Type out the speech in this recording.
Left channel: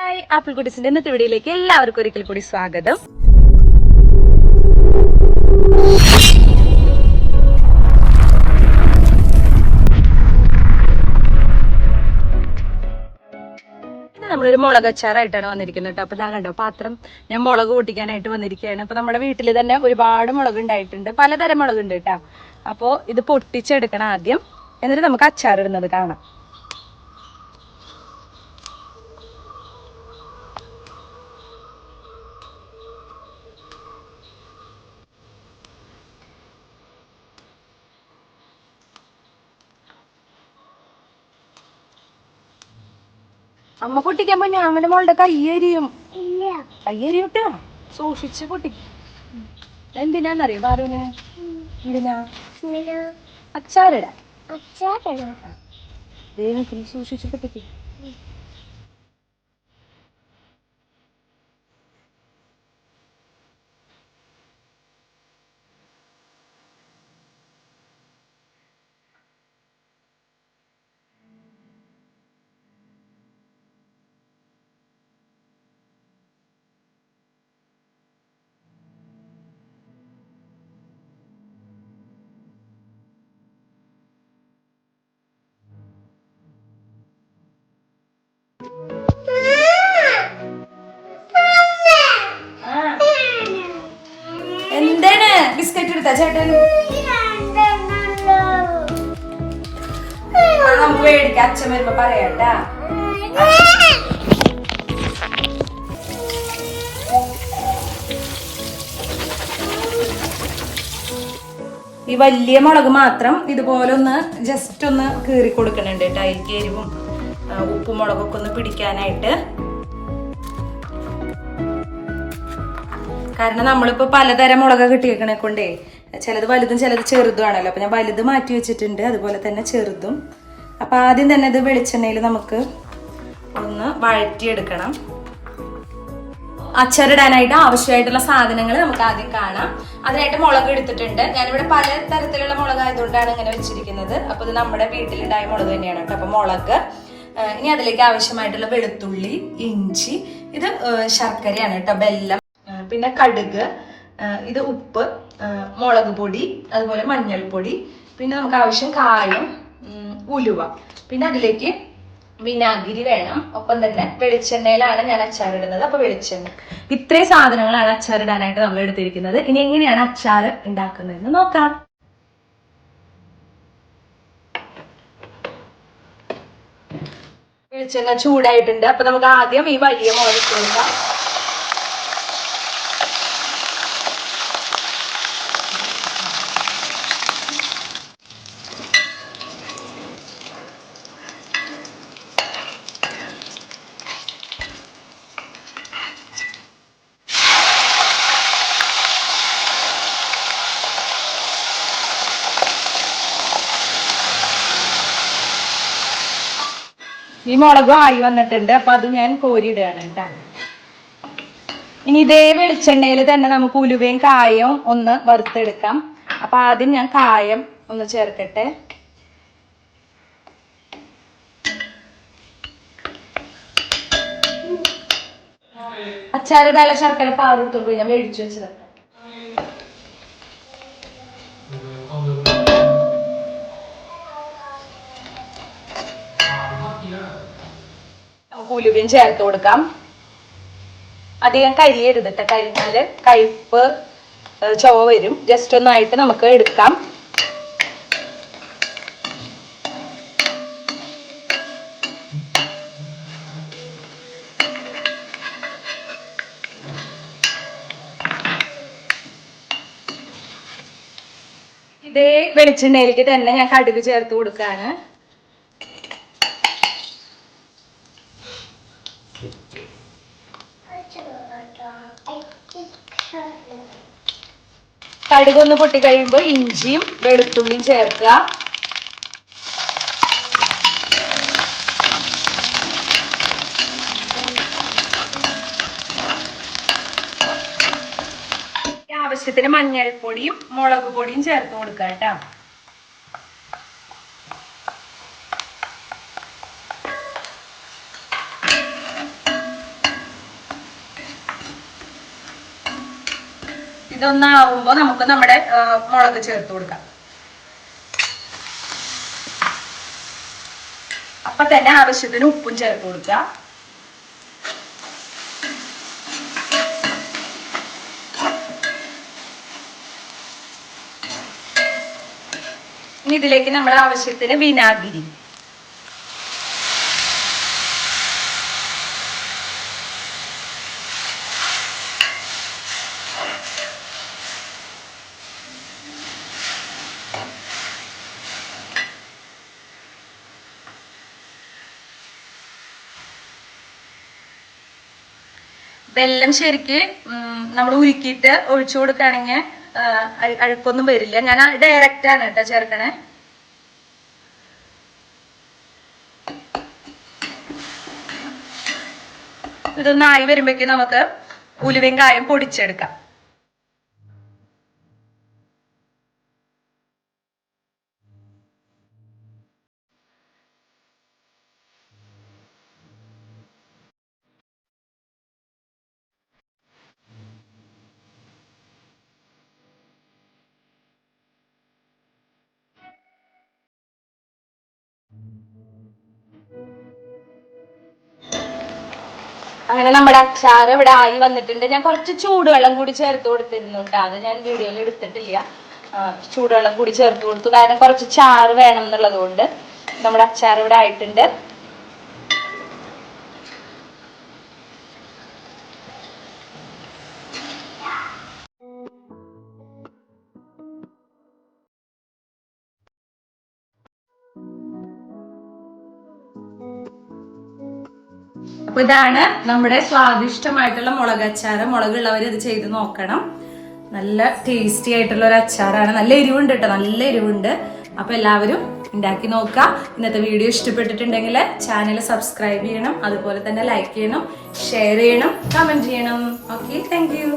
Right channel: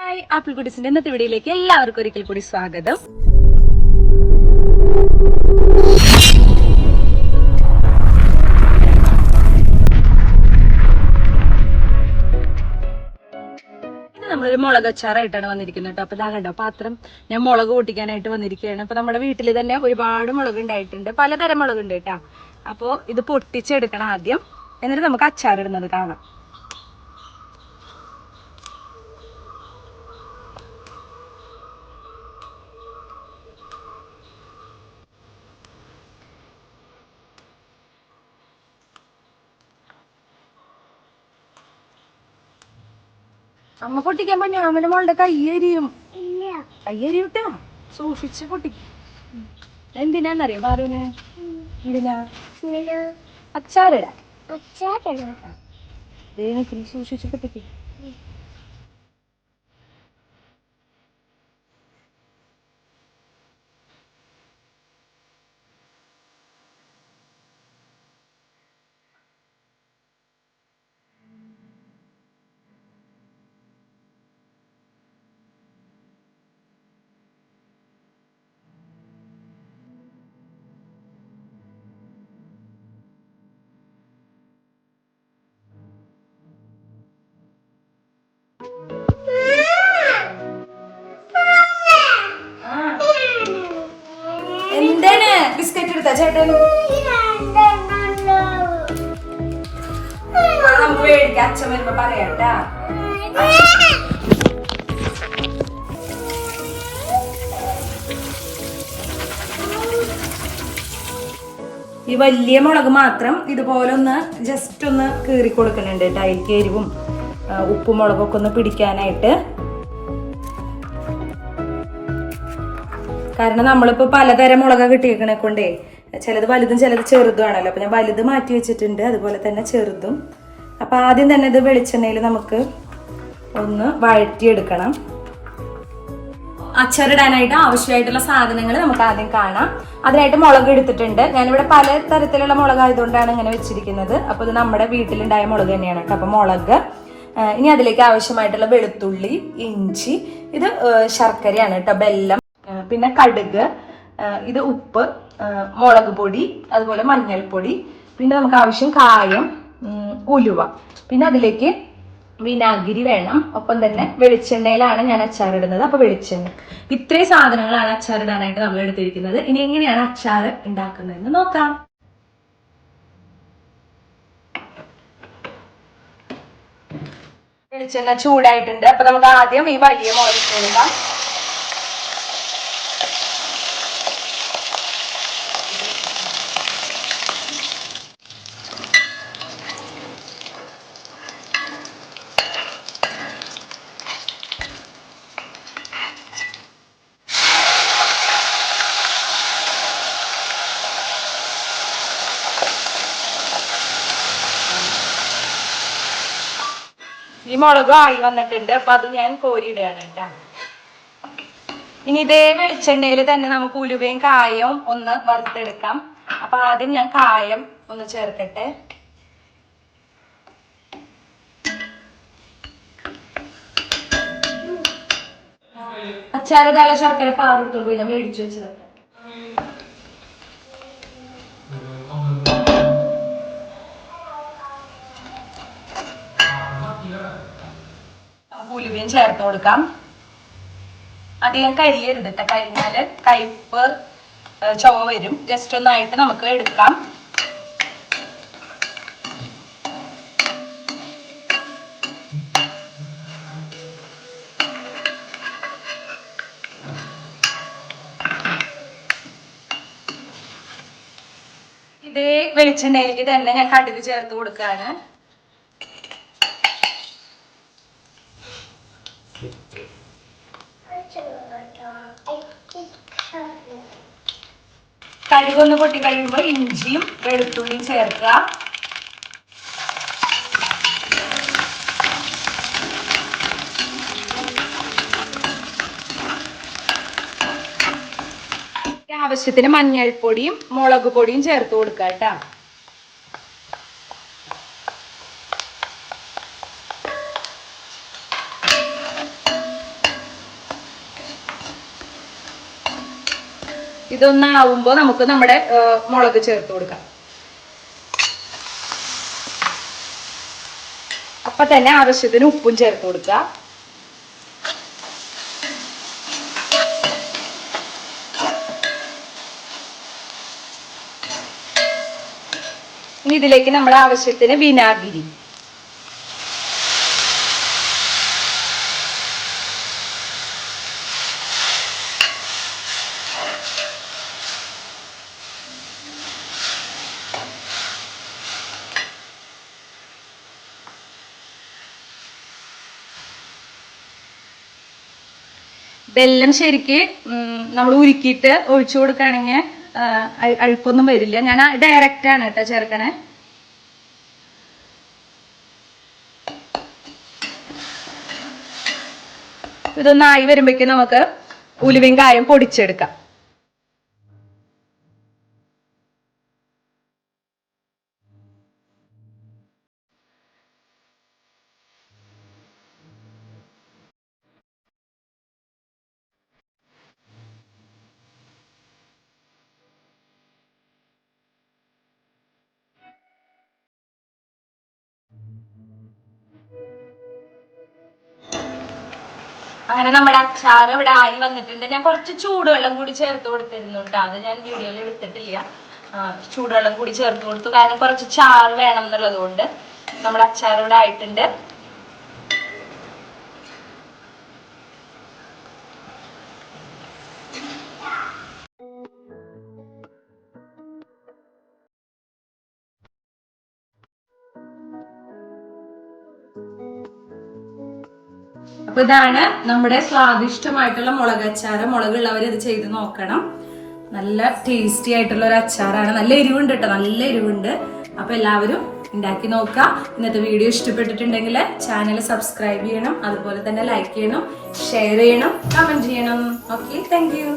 Hi, apple കുട്ടീസിന്റെ ഇന്നത്തെ വീഡിയോയിലേക്ക് എല്ലാവർക്കും ഒരിക്കൽ കൂടി സ്വാഗതം. ഇത് നമ്മളൊരു മുളക് അച്ചാറായിട്ടാണ് വന്നിരിക്കുന്നത് കേട്ടോ. അപ്പൊ ഇതാ കണ്ടോ പാത്രം, ഞാൻ മുളക് പൊട്ടിക്കാനായിട്ട് വന്നിരിക്കുകയാണ്. അപ്പൊ നമ്മുടെ വീട്ടിൽ തന്നെ ഒരുപാട് മുളക് ഉണ്ടായിട്ടുണ്ട്, പലതരം മുളകുണ്ട് കേട്ടോ. അപ്പൊ ഇത് പൊട്ടിച്ചെടുക്കണം ആദ്യം, എന്നിട്ട് നമുക്ക് അച്ചാറിടുന്നത് കാണാം. അമ്മ പൊട്ടിക്കാൻ പോയി ഞാൻ മോളുടെ കയ്യരിയും കയ്യരിയൂട്ടാ, സൂക്ഷിച്ച് പൊട്ടിക്കും. എന്തിനാന്നറിയോ പാറുവിന്? എന്തിനാ? അച്ചാറിടാ. സൂക്ഷിച്ച് പൊട്ടിക്കും. എന്താണ് ബിസ്ക്കറ്റ് എടുത്താ ചേട്ടൻ? നമുക്ക് മേടിക്കാം, അച്ഛൻ വരുമ്പോ പറയാട്ടാ. ഈ വലിയ മുളക് മാത്രം ഇതുപോലെ ഒന്ന് ജസ്റ്റ് ഒന്ന് കീറി കൊടുക്കണുണ്ട് കേട്ടോ, അതിലേക്ക് എരിവും ഉപ്പും മുളകൊക്കെ ഒന്ന് പിടിക്കാനായിട്ട്. കാരണം നമ്മളിപ്പോ പലതരം മുളക് കിട്ടിയേക്കണെ കൊണ്ടേ ചിലത് വലുതും ചിലത് ചെറുതും ആണല്ലോ. അപ്പൊ ഞാൻ വലുത് മാറ്റി വെച്ചിട്ടുണ്ട്, അതുപോലെ തന്നെ ചെറുതും. അപ്പൊ ആദ്യം തന്നെ ഇത് വെളിച്ചെണ്ണയിൽ നമുക്ക് ഒന്ന് വഴറ്റിയെടുക്കണം. അച്ചാറിടാനായിട്ട് ആവശ്യമായിട്ടുള്ള സാധനങ്ങൾ നമുക്ക് ആദ്യം കാണാം. അതിനായിട്ട് മുളക് എടുത്തിട്ടുണ്ട്. ഞാനിവിടെ പല തരത്തിലുള്ള മുളക് ആയതുകൊണ്ടാണ് ഇങ്ങനെ വെച്ചിരിക്കുന്നത്. അപ്പൊ ഇത് നമ്മുടെ വീട്ടിലുണ്ടായ മുളക് തന്നെയാണ് കേട്ടോ. അപ്പൊ മുളക്, ഇനി അതിലേക്ക് ആവശ്യമായിട്ടുള്ള വെളുത്തുള്ളി, ഇഞ്ചി, ഇത് ശർക്കരയാണ് കേട്ടോ, ബെല്ലം, പിന്നെ കടുക്, ഇത് ഉപ്പ്, മുളക് പൊടി, അതുപോലെ മഞ്ഞൾപ്പൊടി, പിന്നെ നമുക്ക് ആവശ്യം കായം, ഉലുവ, പിന്നെ അതിലേക്ക് വിനാഗിരി വേണം. ഒപ്പം തന്നെ വെളിച്ചെണ്ണയിലാണ് ഞാൻ അച്ചാറിടുന്നത്. അപ്പൊ വെളിച്ചെണ്ണ, ഇത്രയും സാധനങ്ങളാണ് അച്ചാറിടാനായിട്ട് നമ്മൾ എടുത്തിരിക്കുന്നത്. ഇനി എങ്ങനെയാണ് അച്ചാർ ഉണ്ടാക്കുന്നതെന്ന് നോക്കാം. വെളിച്ചെണ്ണ ചൂടായിട്ടുണ്ട്. അപ്പൊ നമുക്ക് ആദ്യം ഈ വലിയ മുളക് കൊടുക്കാം. ഈ മുളക് ആയി വന്നിട്ടുണ്ട്. അപ്പൊ അത് ഞാൻ കോരിയിടുകയാണ് കേട്ടോ. ഇനി ഇതേ വെളിച്ചെണ്ണയിൽ തന്നെ നമുക്ക് ഉലുവയും കായവും ഒന്ന് വറുത്തെടുക്കാം. അപ്പൊ ആദ്യം ഞാൻ കായം ഒന്ന് ചേർക്കട്ടെ. അച്ചാറിടാനുള്ള ശർക്കര പാതെടുത്തോണ്ട് ഞാൻ മേടിച്ചു വെച്ചത്. ഉലുവയും ചേർത്ത് കൊടുക്കാം. അധികം കരിയരുത് കേട്ടോ, കരിഞ്ഞാല് കയ്പ്പ് ചുവ വരും. ജസ്റ്റ് ഒന്നായിട്ട് നമുക്ക് എടുക്കാം. ഇതേ വെളിച്ചെണ്ണയിലേക്ക് തന്നെ ഞാൻ കടുക് ചേർത്ത് കൊടുക്കാണ്. കടുകൊന്ന് പൊട്ടി കഴിയുമ്പോൾ ഇഞ്ചിയും വെളുത്തുള്ളിയും ചേർക്കുക. ആവശ്യത്തിന് മഞ്ഞൾപ്പൊടിയും മുളക് പൊടിയും ചേർത്ത് കൊടുക്കുക കേട്ടോ. ഇതൊന്നാവുമ്പോ നമുക്ക് നമ്മുടെ മുളക് ചേർത്ത് കൊടുക്കാം. അപ്പൊ തന്നെ ആവശ്യത്തിന് ഉപ്പും ചേർത്ത് കൊടുക്കുക. ഇനി ഇതിലേക്ക് നമ്മുടെ ആവശ്യത്തിന് വിനാഗിരി, വെള്ളം ശരിക്ക് നമ്മൾ ഉരുക്കിയിട്ട് ഒഴിച്ചു കൊടുക്കുകയാണെങ്കിൽ അഴുക്കൊന്നും വരില്ല. ഞാൻ ഡയറക്റ്റ് ആണ് കേട്ടോ ചേർക്കണേ. ഇതൊന്നായി വരുമ്പോഴേക്കും നമുക്ക് ഉലുവയും കായം പൊടിച്ചെടുക്കാം. അങ്ങനെ നമ്മുടെ അച്ചാർ ഇവിടെ ആയി വന്നിട്ടുണ്ട്. ഞാൻ കുറച്ച് ചൂടുവെള്ളം കൂടി ചേർത്ത് കൊടുത്തിരുന്നുണ്ട്, അത് ഞാൻ വീഡിയോയിൽ എടുത്തിട്ടില്ല. ചൂടുവെള്ളം കൂടി ചേർത്ത് കൊടുത്തു, കാരണം കുറച്ച് ചാറ് വേണം എന്നുള്ളത് കൊണ്ട്. നമ്മുടെ അച്ചാർ ഇവിടെ ആയിട്ടുണ്ട്. അപ്പൊ ഇതാണ് നമ്മുടെ സ്വാദിഷ്ടമായിട്ടുള്ള മുളക് അച്ചാറ്. മുളകുള്ളവർ ഇത് ചെയ്ത് നോക്കണം. നല്ല ടേസ്റ്റി ആയിട്ടുള്ള ഒരു അച്ചാറാണ്. നല്ല എരിവുണ്ട് കേട്ടോ, നല്ല എരിവുണ്ട്. അപ്പൊ എല്ലാവരും ഉണ്ടാക്കി നോക്കാം. ഇന്നത്തെ വീഡിയോ ഇഷ്ടപ്പെട്ടിട്ടുണ്ടെങ്കിൽ ചാനൽ സബ്സ്ക്രൈബ് ചെയ്യണം, അതുപോലെ തന്നെ ലൈക്ക് ചെയ്യണം, ഷെയർ ചെയ്യണം, കമന്റ് ചെയ്യണം. Okay, thank you.